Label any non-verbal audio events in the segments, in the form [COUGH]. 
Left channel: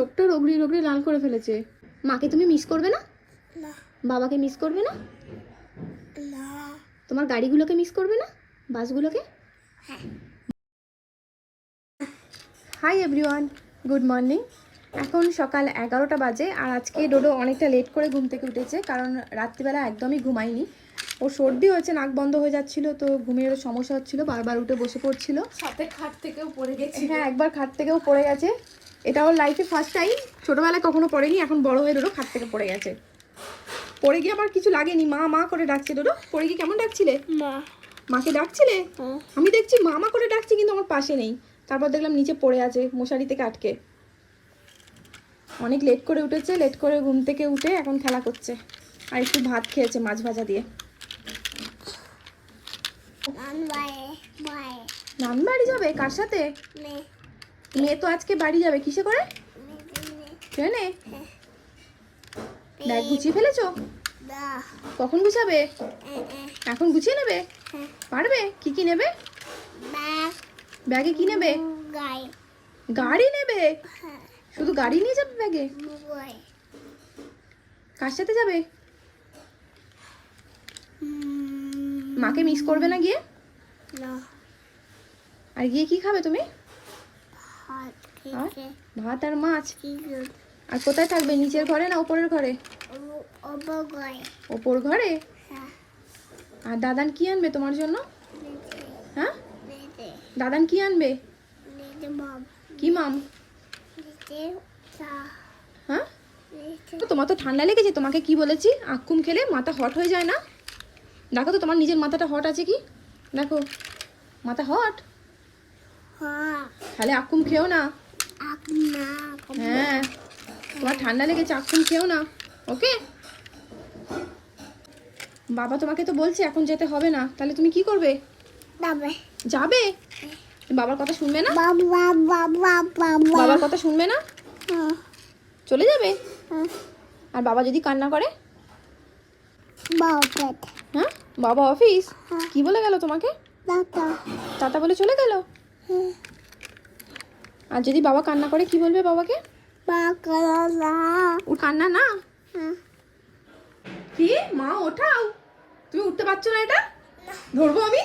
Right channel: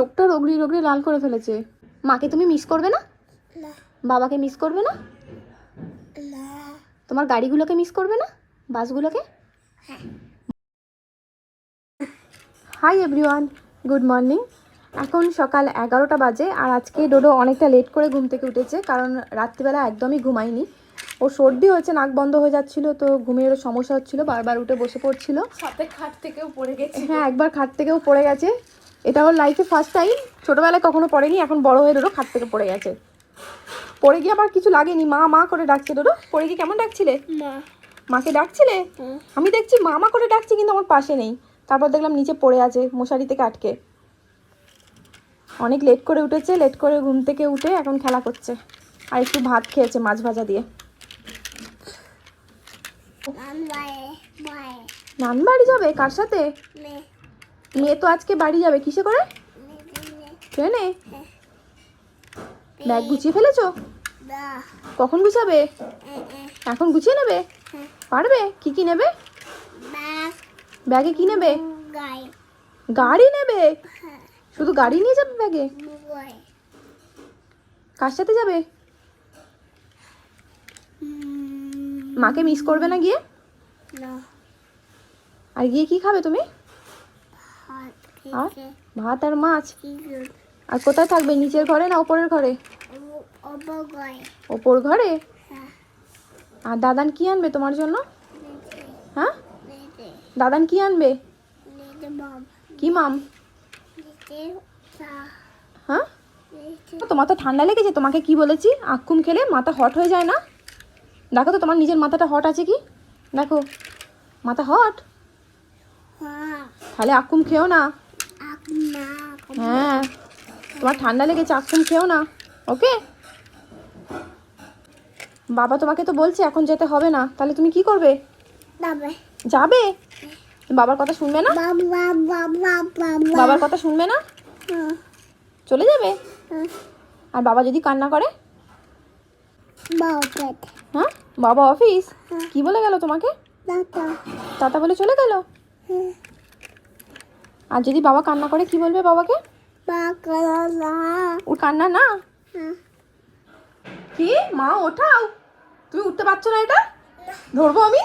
চোখটা রগড়ি রগড়ি লাল করে ফেলেছে। মাকে তুমি মিস করবে না? না। বাবাকে মিস করবে না? না। তোমার গাড়িগুলোকে মিস করবে না? বাসগুলোকে? হ্যাঁ। হাই এভরিওয়ান গুড মর্নিং এখন সকাল এগারোটা বাজে আর আজকে ডোডো অনেকটা লেট করে ঘুম থেকে উঠেছে কারণ রাত্রিবেলা একদমই ঘুমায়নি। ও সর্দি হয়েছে নাক বন্ধ হয়ে যাচ্ছিল তো ঘুমের সমস্যা হচ্ছিল বারবার উঠে বসে পড়ছিল। সাথে খাট থেকেও পড়ে গেছে হ্যাঁ একবার খাট থেকেও পড়ে গেছে। এটা ওর লাইফে ফার্স্ট টাইম ছোটোবেলায় কখনো পড়েনি এখন বড় হয়ে ডোডো খাট থেকে পড়ে গেছে। পড়ে গিয়ে আবার কিছু লাগেনি মা মা করে ডাকছে ডোডো। পড়ে গিয়ে কেমন ডাকছিলে? মা। মাকে ডাকছিলে? আমি দেখছি মামা করে ডাকছি কিন্তু আমার পাশে নেই। তারপর দেখলাম নিচে পড়ে আছে মশারি থেকে আটকে। অনেক লেট করে উঠেছে লেট করে ঘুম থেকে উঠে এখন খেলা করছে। আর একটু ভাত খেয়েছে মাছ ভাজা দিয়ে। নান বাড়ি। যাবে? কার সাথে? মে। মেয়ে তো আজকে বাড়ি যাবে, কিসে করে? ট্রেনে? ব্যাগ গুছিয়ে ফেলেছো? কখন গুছাবে? এখন গুছিয়ে নেবে? পারবে? কি কি নেবে? ব্যাগে কি নেবে? গাড়ি নেবে? শুধু গাড়ি নিয়ে যাবে ব্যাগে? কার সাথে যাবে? মাকে মিস করবে না গিয়ে? আর গিয়ে কি খাবে তুমি? আর? ভাত আর মাছ? আর কোথায় থাকবে? নিচের ঘরে না ওপরের ঘরে? ওপর ঘরে। হ্যাঁ। আর দাদান কি আনবে তোমার জন্য? হ্যাঁ? দাদান কি আনবে? কি মাম? হ্যাঁ? তোমার তো ঠান্ডা লেগেছে তোমাকে কি বলেছি? আক্কুম খেলে মাথা হট হয়ে যায় না? দেখো তো তোমার নিজের মাথাটা হট আছে কি? দেখো। মাথা হট হ্যাঁ। তাহলে আক্কুম খেও না। হ্যাঁ। তোমার ঠান্ডা লেগেছে আক্কুম খেও না। ওকে? বাবা তোমাকে তো বলছে এখন যেতে হবে না। তাহলে তুমি কি করবে? যাবে? বাবার কথা শুনবে না? বাবা বাবা বাবা বাবার কথা শুনবে না? চলে যাবে? আর বাবা যদি কান্না করে? বাবা হ্যাঁ? বাবা অফিস? হ্যাঁ। কি বলে গেল তোমাকে? টাটা বলে চলে গেল? আর যদি বাবা কান্না করে কি বলবে বাবাকে? বাবা ওর কান্না না? কি? মা ওঠাও। তুমি উঠতে পারছ না এটা? ধরবো আমি?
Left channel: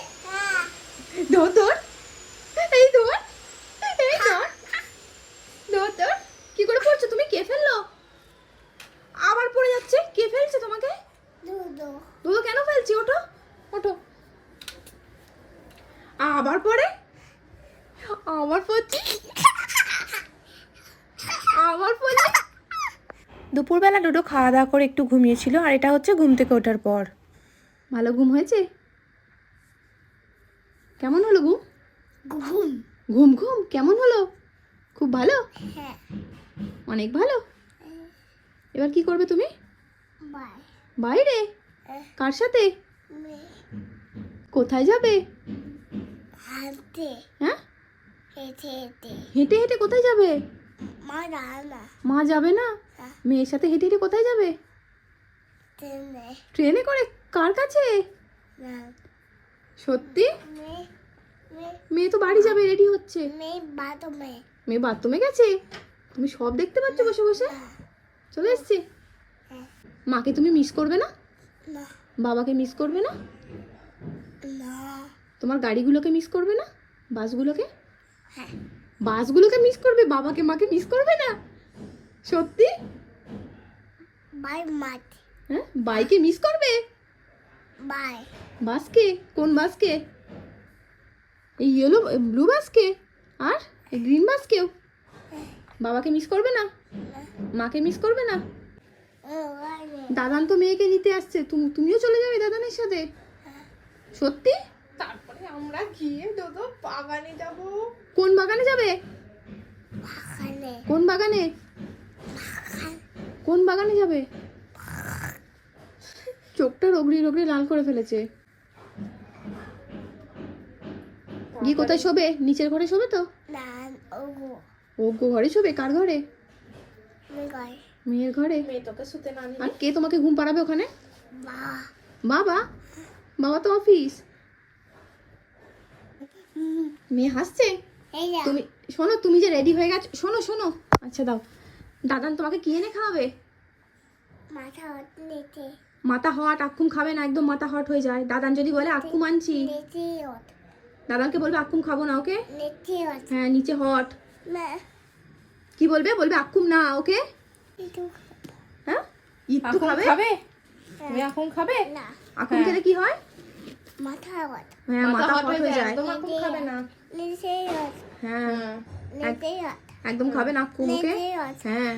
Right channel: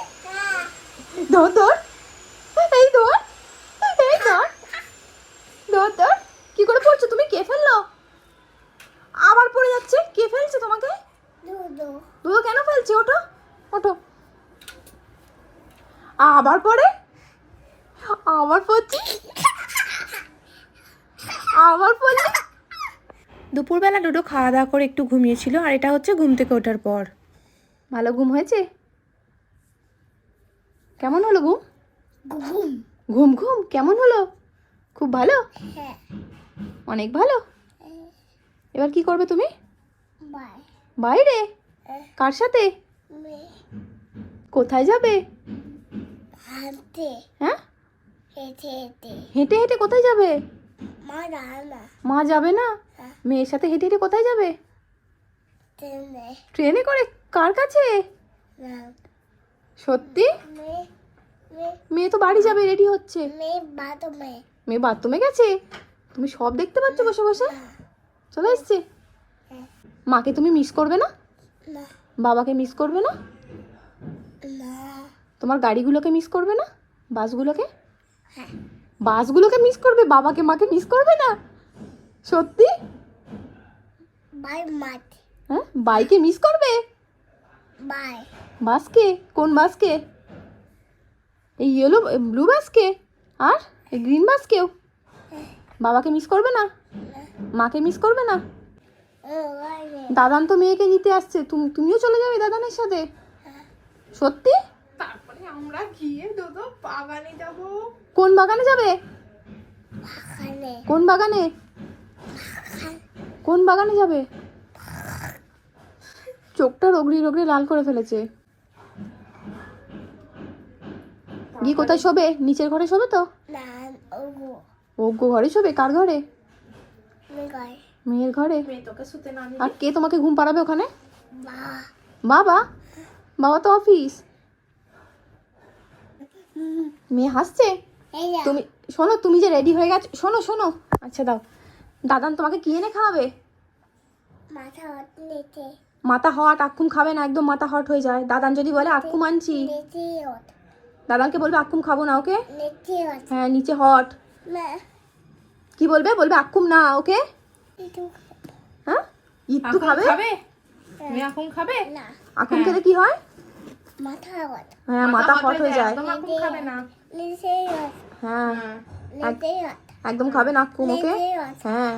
ধর ধর। এই ধর। এই ধর। ধর ধর। কি করে পড়ছো? তুমি কে ফেলল? আবার পড়ে যাচ্ছে। কে ফেলছে তোমাকে? দুধ কেন ফেলছে? ওঠো। ওঠো। আবার পড়ে? আবার পড়ছে? দুপুরবেলা ডোডো খাওয়া দাওয়া করে একটু ঘুমিয়েছিল আর এটা হচ্ছে ঘুম থেকে ওঠার পর। ভালো ঘুম হয়েছে? কেমন হলো ঘুম? ঘুম। ঘুম ঘুম কেমন হলো? খুব ভালো? হ্যাঁ। অনেক ভালো? এবার কি করবে তুমি? বাইরে? কার সাথে? কোথায় যাবে? হ্যাঁ? হেঁটে হেঁটে কোথায় যাবে? মা রান্না মা যাবে না? হ্যাঁ। মেয়ের সাথে হেঁটে হেঁটে কোথায় যাবে? ট্রেনে। করে কার কাছে? সত্যি? মেয়ে তো বাড়ি যাবে রেডি হচ্ছে। মেয়ে বাথরুমে। গেছে? তুমি সব দেখতে পাচ্ছ বসে বসে? চলে এসছে? হ্যাঁ। মাকে তুমি মিস করবে না? না। বাবাকে মিস করবে না? না। তোমার গাড়িগুলোকে মিস করবে না? বাসগুলোকে? হ্যাঁ। বাসগুলোকে মিস করবে বাবাকে মাকে মিস করবে না? সত্যি? হ্যাঁ? বাইকে মিস করবে? বাই বাসকে? কোন বাসকে? এই ইয়েলো ব্লু বাসকে? আর এই গ্রিন বাসকেও? বাবাকে মিস করবে না? মাকে মিস করবে না? দাদান তো মেয়েকে নিতে আসছে। তুমি তুমিও চলে যাবে দাদানের সাথে? সত্যি? আমরা গিয়ে যত বাগানে যাব। কোন বাগানে যাবে? বাগানে। কোন বাগানে? কোন বাগানে যাবে? চোখটা রগড়ি রগড়ি লাল করে ফেলেছে। গিয়ে কোথায় শোবে? নিচের ঘরে শোবে তো? না ওগো। ঘরে শোবে? কার ঘরে? মেয়ের ঘরে। তোকে শুতে আর কে তোমাকে ঘুম পাড়াবে ওখানে? বাবা? বাবা তো অফিস। মেয়ে হাসছে? তুমি শোনো তুমি যে রেডি হয়ে গেছো শোনো শোনো। আচ্ছা দাও। দাদান তোমাকে কি এনে খাওয়াবে? মাথা নেতে। মাথা হট আক্কুম খাবে না একদম মাথা হট হয়ে যায়। দাদান যদি বলে আক্কুম আনছি। দাদানকে বলবে আক্কুম খাব না ওকে? হ্যাঁ নিচে হট। কি বলবে? বলবে আক্কুম না ওকে? হ্যাঁ? ইত্তু খাবে? না। আক্কুম খেলে কি হয়? হ্যাঁ মাথা হট হয়ে যায়। একদম খাবে না। নেতে হ্যাঁ একদম খাবে না হট হ্যাঁ।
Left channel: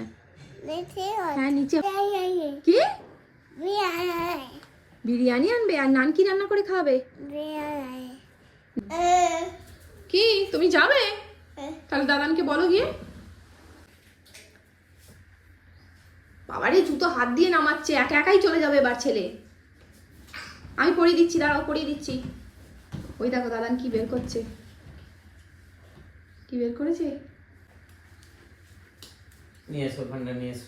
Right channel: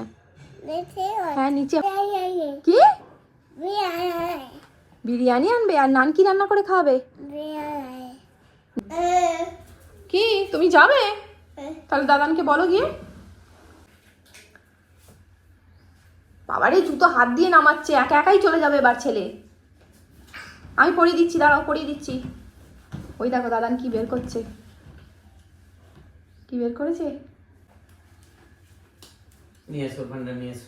হ্যাঁ নিচে কি? বিরিয়ানি। আনবে? আর নান কি রান্না করে খাওয়াবে? কি? তুমি যাবে? তাহলে দাদানকে বলো গিয়ে। বাবারে জুতো হাত দিয়ে নামাচ্ছে। একা একাই চলে যাবে এবার ছেলে। আমি পরিয়ে দিচ্ছি দাঁড়াও পরিয়ে দিচ্ছি। ওই দেখো দাদান কি বের করছে। কি বের করেছে? নিয়ে এসো ভান্ডার নিয়ে এসো।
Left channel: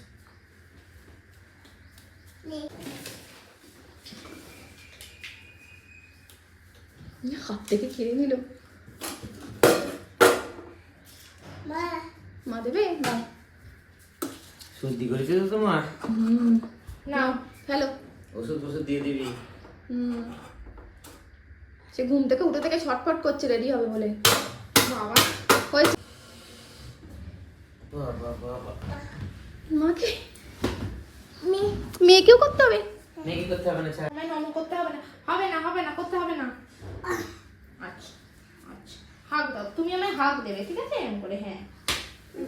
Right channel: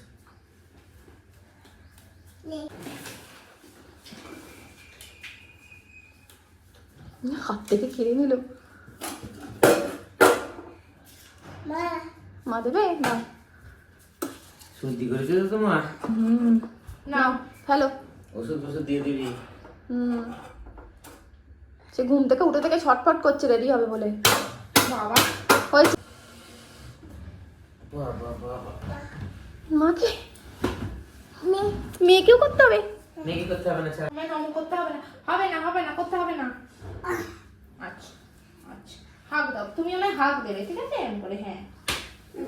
হাত থেকে খেয়ে নিল। মা। মা দেবে? না। সর্দি করেছে তো তোমার হুম। নাও হ্যালো ওষুধ ফষুধ দিয়ে দিবি? হুম। সে ঘুম থেকে উঠে থেকে ছটফট করছে রেডি হবে বলে। বাবা। হয়েছে। বাবা বাবা মাকে মেয়েকেও করতে হবে? মেয়ে করতে হবে না ছাড় আমি করতে হবে না। হবে না হবে না করতে হবে না। আচ্ছা আচ্ছা। হাগ দাও তুমি আমায় হাগ দেবে ঠিক আছে? করে হ্যাঁ।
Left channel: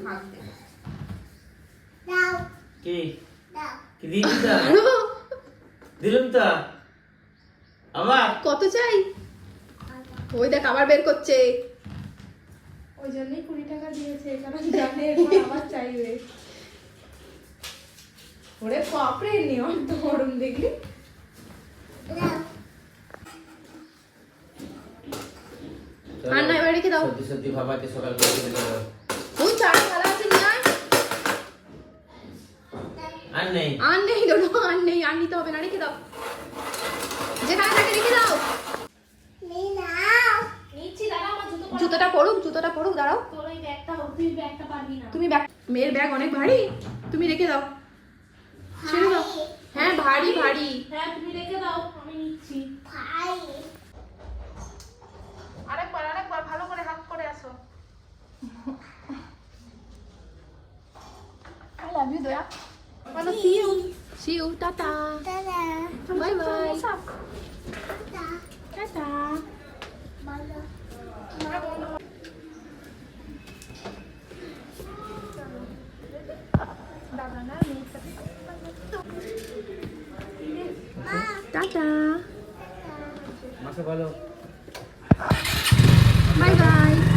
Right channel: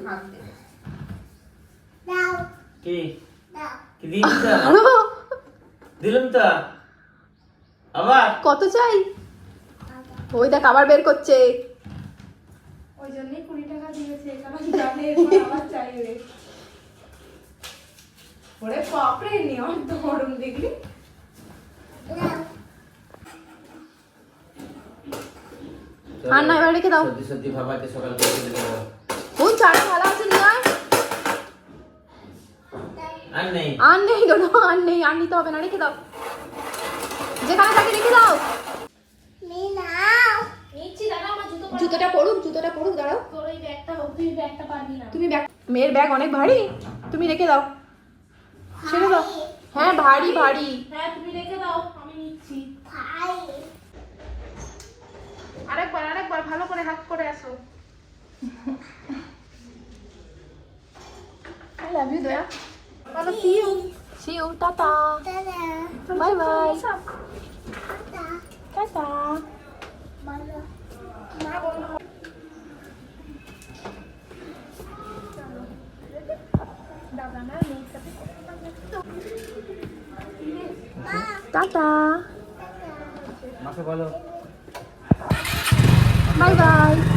হাগ দেবে। দাও। কি? দাও। কি দিবি [LAUGHS] দিলাম তো? আবার? কত চাই? ওই দেখ আবার বের করছে। ওই জন্যই কুড়ি টাকা দিয়েছে কারণ জানে আমার চাইবে। ওরে বাপরে নিয়ম তো গরম দেখলি আর না, এবার রেখে দাও। সকাল করে দিতে ওই চাটা ভালো আছে নিয়ে আয় আর নেই। আর নেই আর নেই আর নিতে হবে না রেখে দাও। যেখানে থাকে রেখে দাও জুতোটা পড়ুক জুতোটা পড়ুক দাঁড়াও তুমি ব্যাগ মেয়ের ব্যাগ অনেক ভারী তুমি রেখে দাও ছেড়ে দাও হ্যাঁ ভারী ভারী হ্যাঁ তুমি রেখে দাও আমি নিচ্ছি আরেকবার আরেকবার ভালো করে হাত করে আসো আই লাভ ইউ দয়া বলো see you see you tata bye bye Ta-ta. Ta-ta. Bye bye.